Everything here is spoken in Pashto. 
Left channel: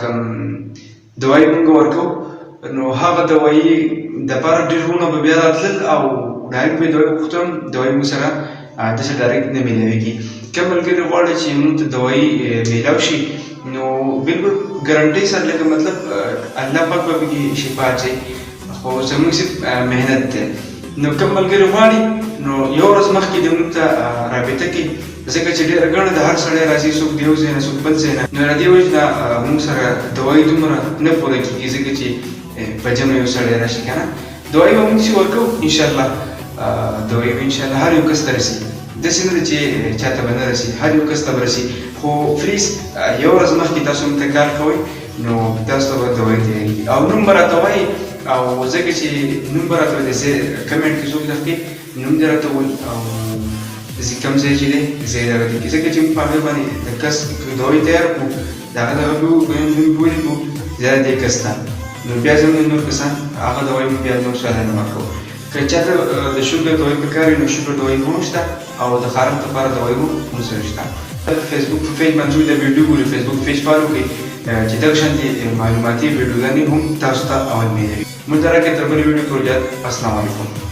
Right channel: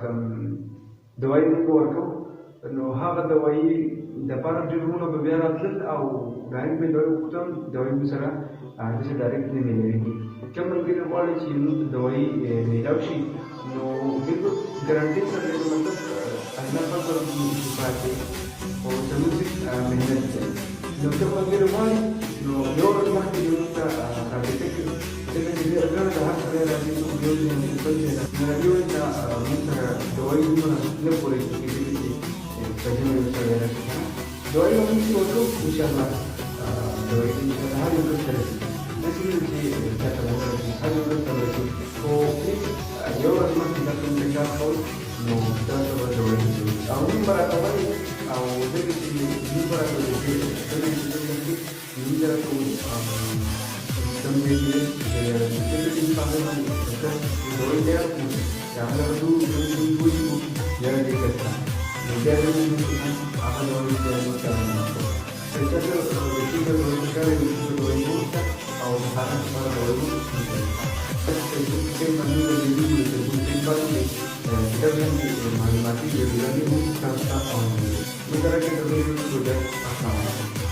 کوم دوايي مونږ ورکو نو هغه دوايي دپاره ډېر وروڼه به بیا راتلل او ډایرکټ به یې دوايي وغوښتو هم دوايي مونږ سره داسې ډایرکټ نه میلاویږي. کوم ملګري غواړي چې مونږ ته دوايي میلاو شي نو بالکل ګارنټۍ سره لکه مطلب الله پاک به پکې شفا اچوي خو زموږ صرف محنت دی. نو کوم ملګري غواړي نو یو ورځ مخکې دې مونږ ته رابطه کړي ځکه چې ډېره ګڼه د هر سړی راځي څوک د یو ځای نه څوک بل ځای نه نو له دې وجې نه مونږ سره دوايي دومره نه پوره کېږي ځکه چې په جمع یو سړی راشي که نه دوايي به مونږ چې ورکوو انشاءالله دوايي به انشاءالله هر یو کس ته رسي داسې نه ده چې چاته به نه رسي هر یو کس ته به رسي خو پلیز یو ورځ مخکې تاسو موږ ته کال کوئ نو تاسو ته به دوايي تیارېږي او نوم به راته وایي او ځکه چې نوم به راته وایي کمنټ کې څوک درکړي نوم دې راته ووایي او کوم ځای چې دی ځای دغه دی ځکه چې موږ په هغې باندې د کس دوايي تیار کړو د هغه دغه نوم ولیکو دا دې کس ته نو بیا زموږ نور کسان هغه دوايي موږ بیا نور چاته نه ورکوو. که چاته د شوګر دوايي پکار وي نو شوګر دوايي هم شته او د خارښ لپاره دوايي هم موږ سره شته. فیسبوک په پیج باندې د ویډیو ګورئ فیسبوک پیج فالو کړئ چې دغه شانتې معلوماتي ویډیوګانې هم تاسو ته اول میلاوي. موږ راکړئ تر بلې ویډیو پورې السلام علیکم.